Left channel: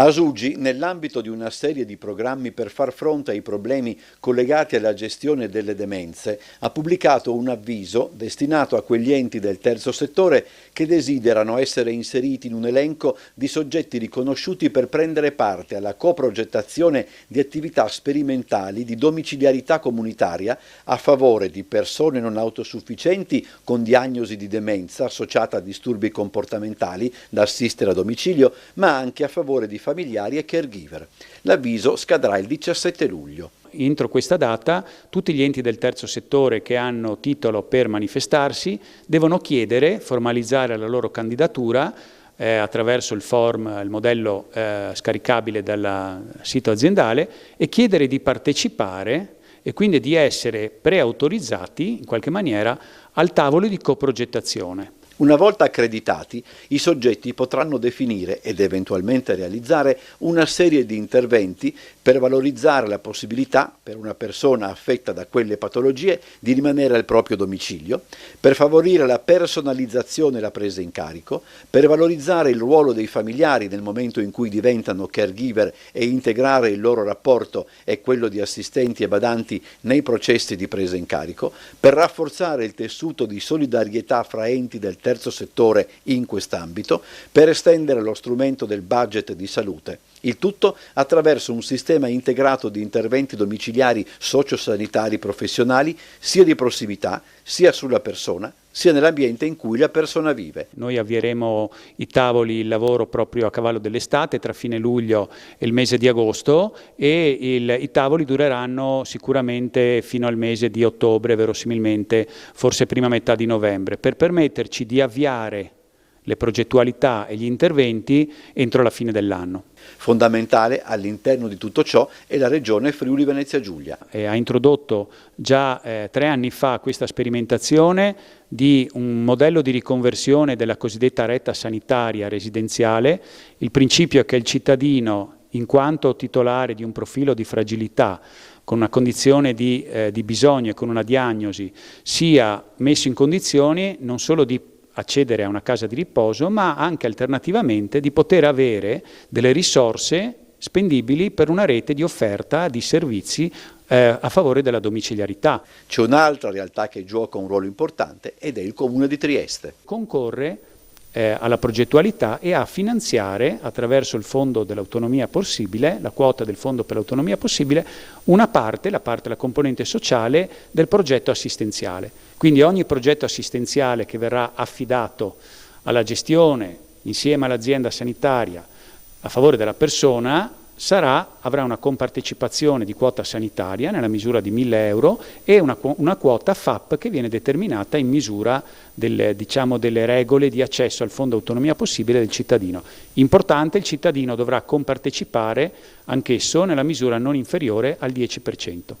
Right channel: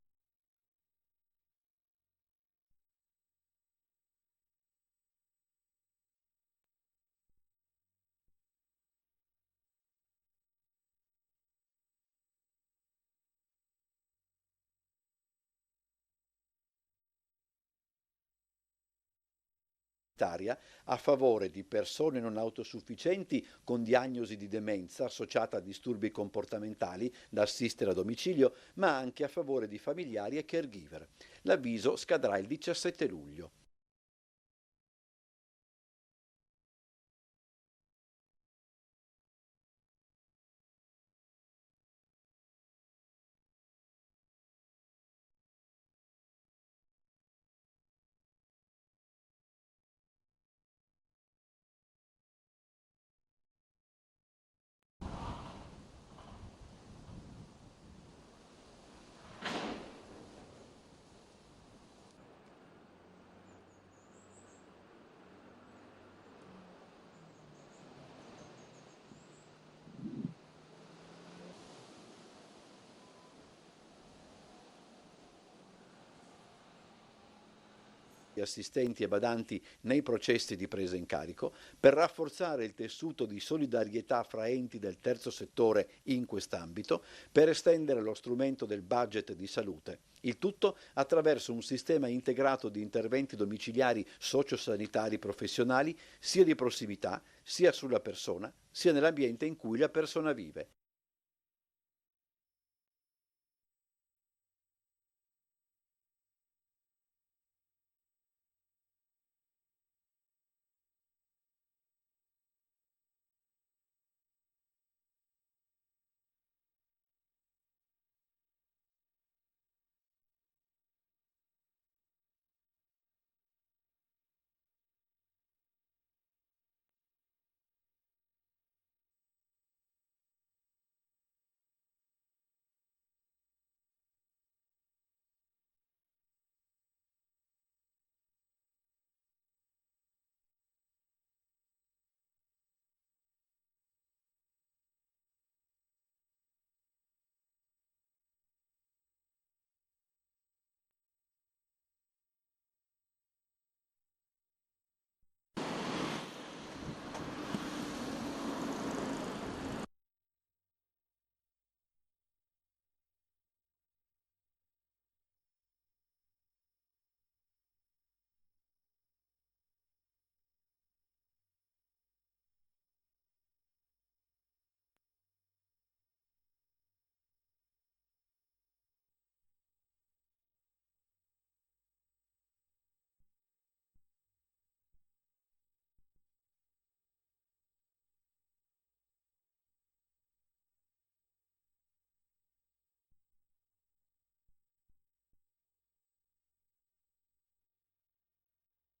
Asugi, nell'ambito di una serie di programmi per far fronte ai problemi collegati alla gestione delle demenze, ha pubblicato un avviso destinato a quegli enti del terzo settore che desiderano essere inseriti in un elenco di soggetti riconosciuti per prendere parte alla coprogettazione di attività sperimentali di domiciliarità comunitaria a favore di persone non autosufficienti con diagnosi di demenza associata a disturbi comportamentali da assistere a domicilio, ma anche a favore di familiari e caregiver. L'avviso scadrà il 17 luglio. Entro questa data tutti gli enti del terzo settore che hanno titolo per manifestarsi devono chiedere, formalizzare la loro candidatura attraverso il modello scaricabile dal sito aziendale e chiedere di partecipare e quindi di essere preautorizzati in qualche maniera al tavolo di coprogettazione. Una volta accreditati, i soggetti potranno definire ed eventualmente realizzare una serie di interventi per valorizzare la possibilità per una persona affetta da quelle patologie di rimanere al proprio domicilio, per favorire la personalizzazione e la presa in carico, per valorizzare il ruolo dei familiari nel momento in cui diventano caregiver e integrare il loro rapporto e quello di assistenti e badanti nei processi di presa in carico, per rafforzare il tessuto di solidarietà fra enti del terzo settore in quest'ambito, per estendere lo strumento del budget di salute. Il tutto attraverso un sistema integrato di interventi domiciliari sociosanitari professionali sia di prossimità, sia sulla persona, sia nell'ambiente in cui la persona vive. Noi avvieremo i tavoli, il lavoro proprio a cavallo dell'estate, tra fine luglio e il mese di agosto, e i tavoli dureranno sicuramente fino al mese di ottobre, verosimilmente, forse prima metà di novembre, per permetterci di avviare le progettualità e gli interventi entro la fine dell'anno. Fondamentale all'interno di tutto ciò è la Regione Friuli Venezia Giulia. Ha introdotto già 3 anni fa questa sperimentazione di un modello di riconversione della cosiddetta retta sanitaria residenziale. Il principio è che il cittadino, in quanto titolare di un profilo di fragilità, con una condizione di bisogno e con una diagnosi, sia messo in condizioni non solo di accedere a una casa di riposo, ma anche alternativamente di poter avere delle risorse spendibili per una rete di offerta di servizi a favore della domiciliarità. C'è un'altra realtà che gioca un ruolo importante ed è il Comune di Trieste. Concorre alla progettualità e a finanziare attraverso il Fondo dell'Autonomia Possibile, la quota del Fondo per l'Autonomia Possibile, una parte, la componente sociale del progetto assistenziale. Quindi ogni progetto assistenziale che verrà affidato alla gestione insieme all'azienda sanitaria a favore della persona avrà una compartecipazione di quota sanitaria nella misura di 1.000 euro e una quota FAP che viene determinata in misura delle regole di accesso al Fondo Autonomia Possibile del cittadino. Importante, il cittadino dovrà compartecipare anch'esso nella misura non inferiore al 10%.